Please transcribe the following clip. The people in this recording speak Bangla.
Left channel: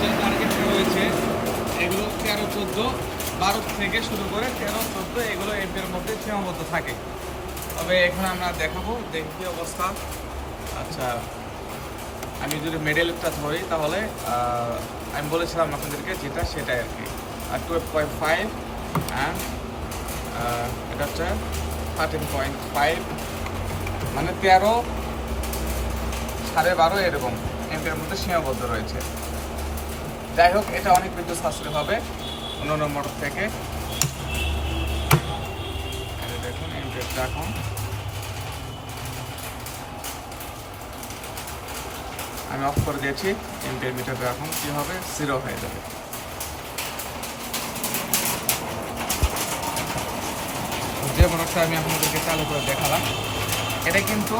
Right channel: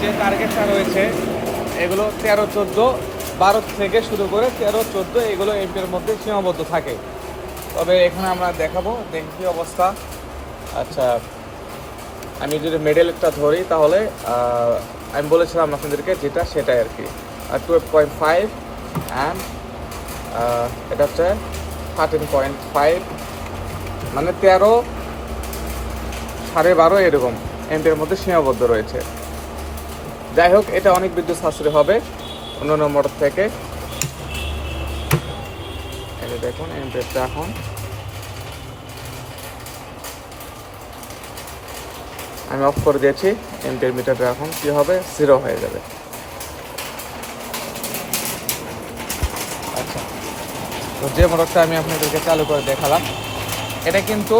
যে টার্গেটটা রয়েছে এগুলো 13-14, 12 থেকে শুরু করে 13-14 এগুলো এর মধ্যে সীমাবদ্ধ থাকে। তবে এখানে আমরা দেখাবো দেখি কী অবস্থা। আচ্ছা, আমি যদি মেডেলটা ধরি তাহলে আমি বলেছিলাম আপনাদেরকে যেটা সেটাই আর কি, 12.5 অ্যান্ড এটা হচ্ছে 13.5, মানে 13, 12.5 এরকম এমপির মধ্যে সীমাবদ্ধ রয়েছে। যাই হোক, এটা অনেক বিদ্যুৎ সাশ্রয় হবে অন্যান্য মোটর থেকে। এই দেখুন এমপিটা এখন আমি অফ করে দিয়েছি। এমপির মিটারটা এখন কি হবে, 0 হয়ে যাবে। যে মোটরটা আমি আপনাদেরকে চালু করে দেখালাম, এটা কিন্তু